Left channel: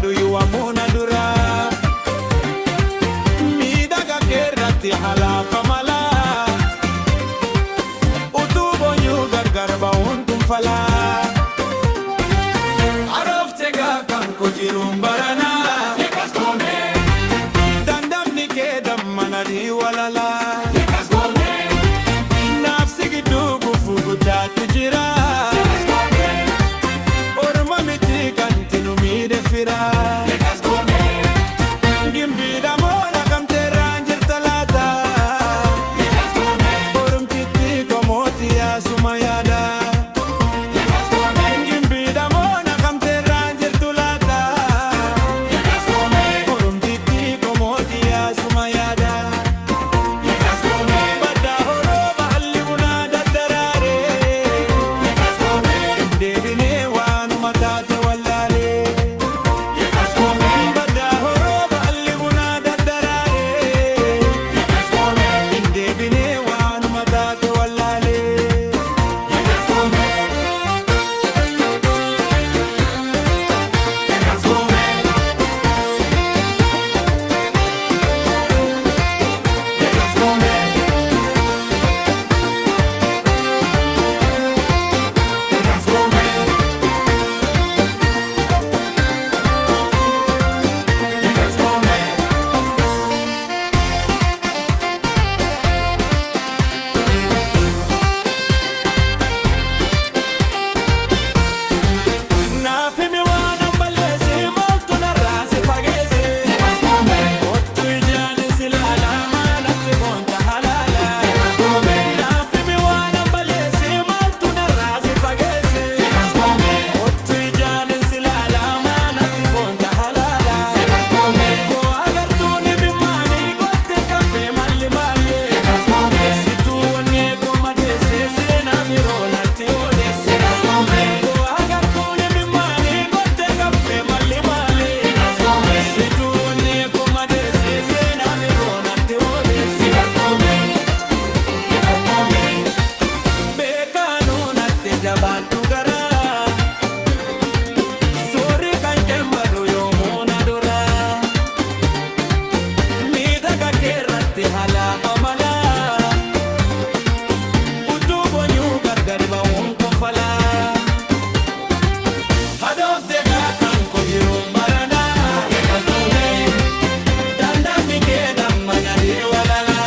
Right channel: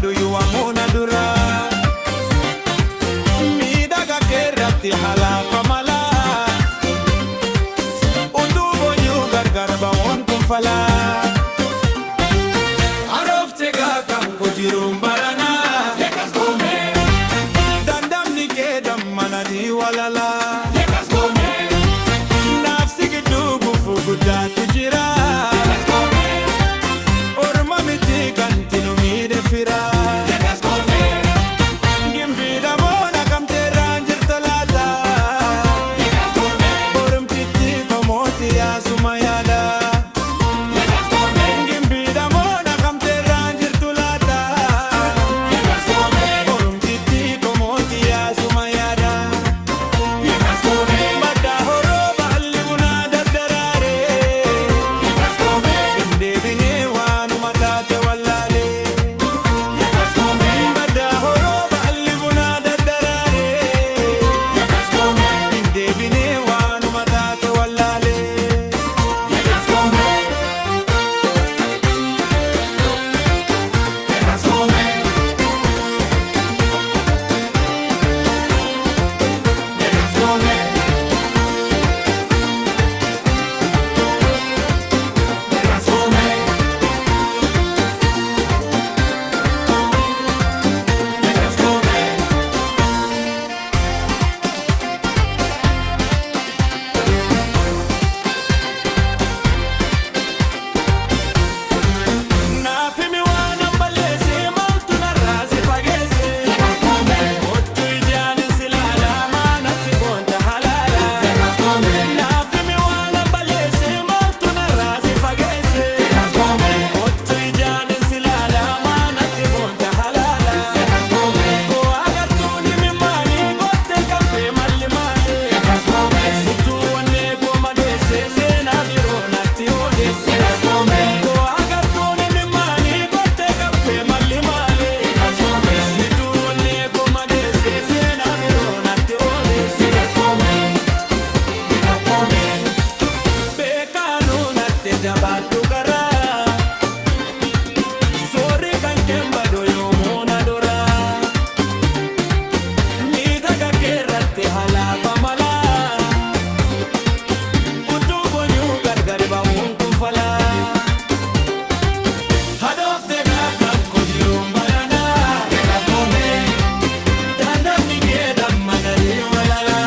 badu yuwamuna dura midaga kerratti halafa mala utubo yu gargar ba'un kun fala arofte ga kan kujirum barana dandamni ke dammanadi walala nafsi gidu gufu gudatu jira orma miti kantinu mide fira gimbida mona kamte ranjir talata orum kiti komoti ya sumayada gimbida mona kamte ranjir tulata orum kiti komoti ya sumayada bada horoba allibuna daddarare indebine wanu matate wallale bada horoba allibuna daddarare indebine wanu matate wallale nafimi wana balese maltu narase fagese ottu ijani sila alama nafsi bonta halala nafimi wana balese maltu narase fagese ottu ijani sila alama nafsi bonta halala ko agartuni mimani gotte kafe malli mali situ wanne ko madese sena biro natti odese ko agartuni mimani gotte kafe malli mali situ wanne ko madese sena biro natti odese bekanu natti jabatu gara sori kan kemba do yomona dora midaga kerratti halafa mala utubo nyu gargar ba'un kun fala hadofte ga kan kojirum barana dandamni ke dammanadi walala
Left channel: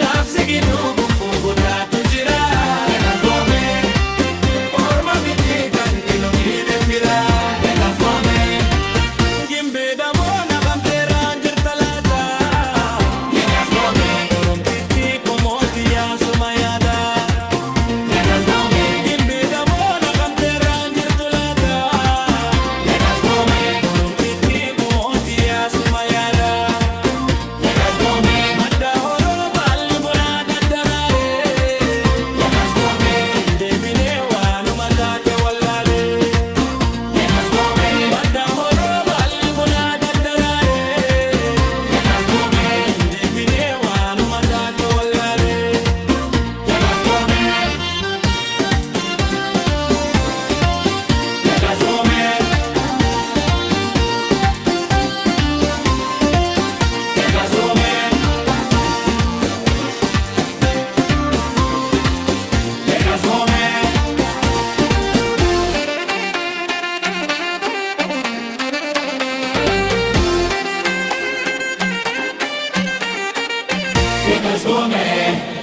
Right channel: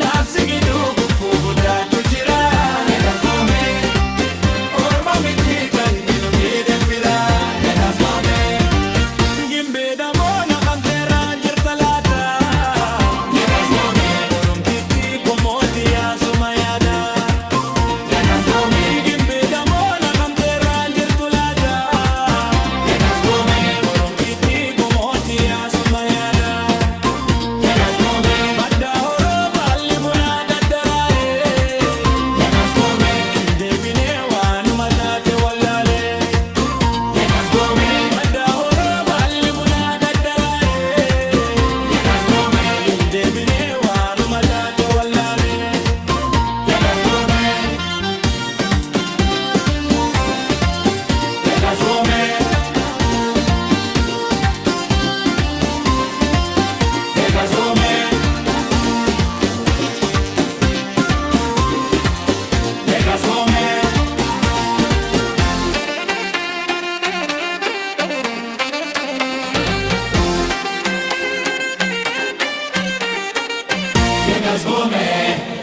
nafsi gidu gufu gudatu jira orma miti kan kino mide fira gimbe damona kamte ranjir talata orum titi komoti ya sumayada gimbe damona kamte ranjir tulata orum titi komoti ya sumayada bada horoba allibuna daddarare indebine wanu matate wallale bada horoba allibuna daddarare indebine wanu matate wallale Llegas Gómez.